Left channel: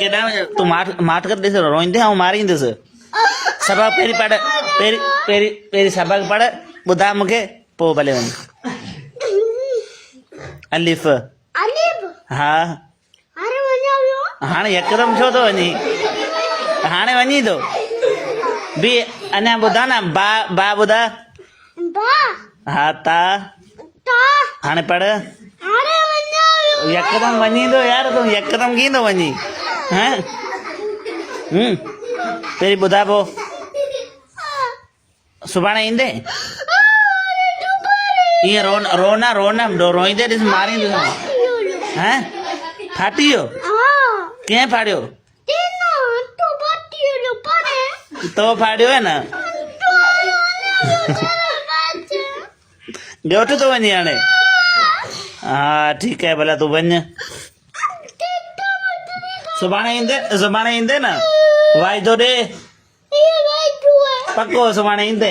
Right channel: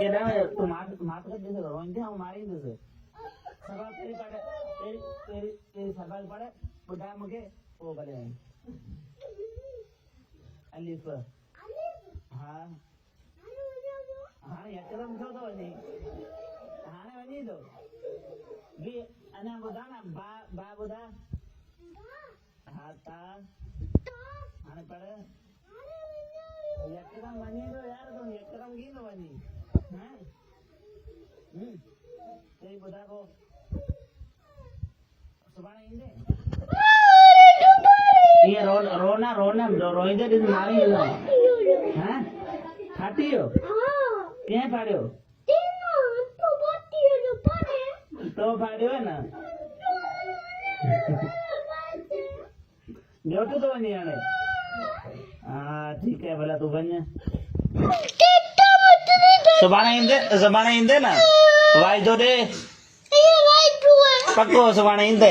केॾा तूं माठ कर ॾिस रोईंदे ऐं मारींदुस सबक पहिरीं पढ़ पहिरीं सबक पढ़ ॿुधा मूंखे पोइ भले वञ अलिफ अलीब हा अरे वञा वियो हाणे यकदम छो थो वञी हाणे वञी थो बि अञा ॿुधा न बा ॿुधा बा हा ता ता हाणे पढ़ अरे वञा वियो यकदम वञी थो यार तूं यकदम कीअं थो वञी हैं पहिरीं ॿुधा पोइ सुभाणे ईंदे ईअं रोईंदे ॾिस मारींदुसि हैं फाटी वियो कीअं फाड़ियो तो फाड़ियो है न ॻोठ थो वञी हाणे हा ठीकु आहे भला तूं वञ सुभाणे ईंदे न वाइदो ॾे पको सुभाणे ईंदे